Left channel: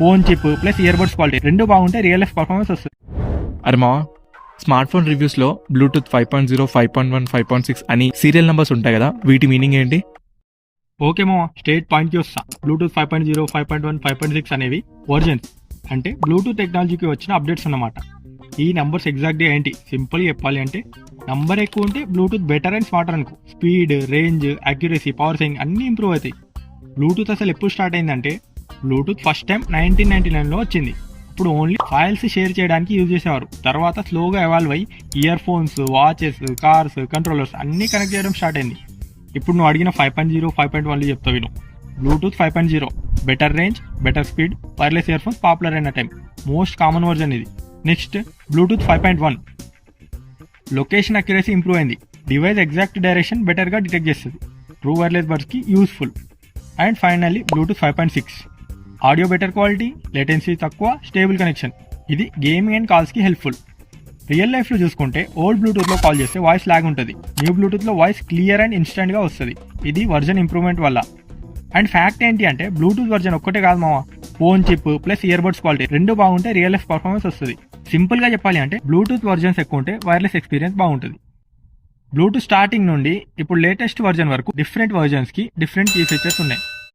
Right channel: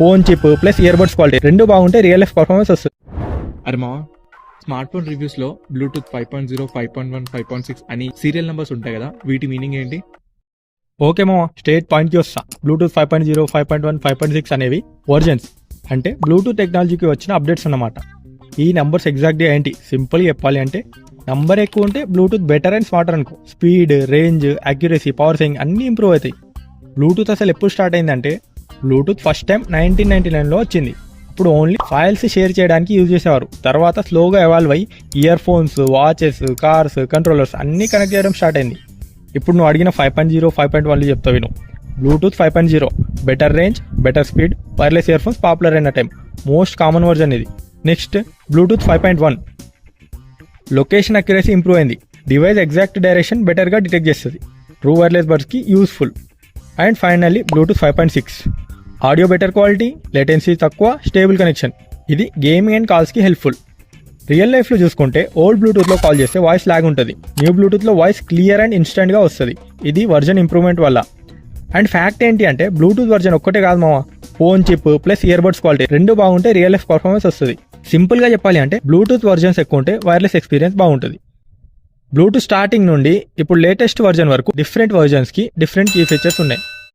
Phone chip plus ear buds quality రెండు బాగుంటే real life performance వస్తుంది. అరే మా స్మార్ట్ ఫోన్ రివ్యూస్లో బ్లూటూత్ 5.0, 5.1, 5.6 అని సీరియల్ నెంబర్స్ ఉంటాయి కదా, వీటి మీనింగ్ ఏంటి? ఓకే మామ, స్టేట్ పాయింట్కి వస్తా. బ్లూటూత్ 5.0, 5.1, 5.6 అనేవి వర్జన్స్, అంటే బ్లూటూత్ టెక్నాలజీకి వచ్చిన అప్డేట్స్ అన్నమాట. ఈ నెంబర్స్ ఎగ్జాక్ట్గా ఏంటి సింపుల్గా చెప్పాలి అంటే, నంబర్ ఎక్కువ ఉంటే బ్లూటూత్ బెటర్ అండ్ స్మార్టర్ అనుకో. Speed, range, accuracy, power saving అన్నీ ఇంప్రూవ్ అవుతాయి. బ్లూటూత్ అసలు ఎప్పుడు స్టార్ట్ అయిందంటే, బ్లూటూత్ ఫస్ట్ టైం 1999లో వచ్చింది. ఇప్పుడు ఓన్లీ ఫైల్స్ షేర్ చేయడానికి యూజ్ చేసేవారు. తర్వాత స్లోగా ఎవాల్వ్ అయ్యి earphones, watches, cars, controllers అన్నీ కనెక్ట్ చేయడం స్టార్ట్ అయింది. ఇప్పుడు నువ్వు అడిగిన 5.0, 5.1 చెప్తావు విను. Bluetooth 5.0 better range, better speed, wireless earphones popular అయిన టైం, మోస్ట్ కామన్ వర్జన్ ఇది. Next Bluetooth 5.1 location accuracy improve అయింది. డివైస్ ఎగ్జాక్ట్ డైరెక్షన్ బెటర్గా డిటెక్ట్ చేస్తుంది. ట్రూ వైర్లెస్ బడ్స్కి useful. And finally Bluetooth 5.6 audio better quality, latency తక్కువ, stable connection. ఇది gaming and కాల్స్కి helpful. Real లైఫ్లో చూసుకుంటే ఓల్డ్ బ్లూటూత్లో కాల్ చేస్తే వాయిస్ లాగ్ ఉంటుంది. న్యూ బ్లూటూత్లో వాయిస్ క్లియర్ అండ్ ఇన్స్టెంట్గా వస్తుంది. ఇది వర్జన్ ఇంప్రూవ్మెంట్ వల్ల. అండ్ ఫ్యాక్ట్ ఏంటి అంటే, బ్లూటూత్ వర్జన్ ఒక్కటే కాదు మావా, phone chip plus ear buds quality రెండు బాగుంటే రియల్ లైఫ్ పర్ఫార్మెన్స్ వస్తుంది. సింపుల్గా చెప్పాలి అంటే, బ్లూటూత్ వర్జన్స్ ఎక్కువ ఉంటే వైర్లెస్ ఎక్స్పీరియన్స్ బాగుంటుంది. బ్లూటూత్ స్టార్టింగ్ నుండి ఇప్పుడు లేటెస్ట్ వర్జన్ వరకు డిఫరెంట్ వర్జన్స్కి డిఫరెంట్ కీ ఫీచర్స్ ఉన్నాయి.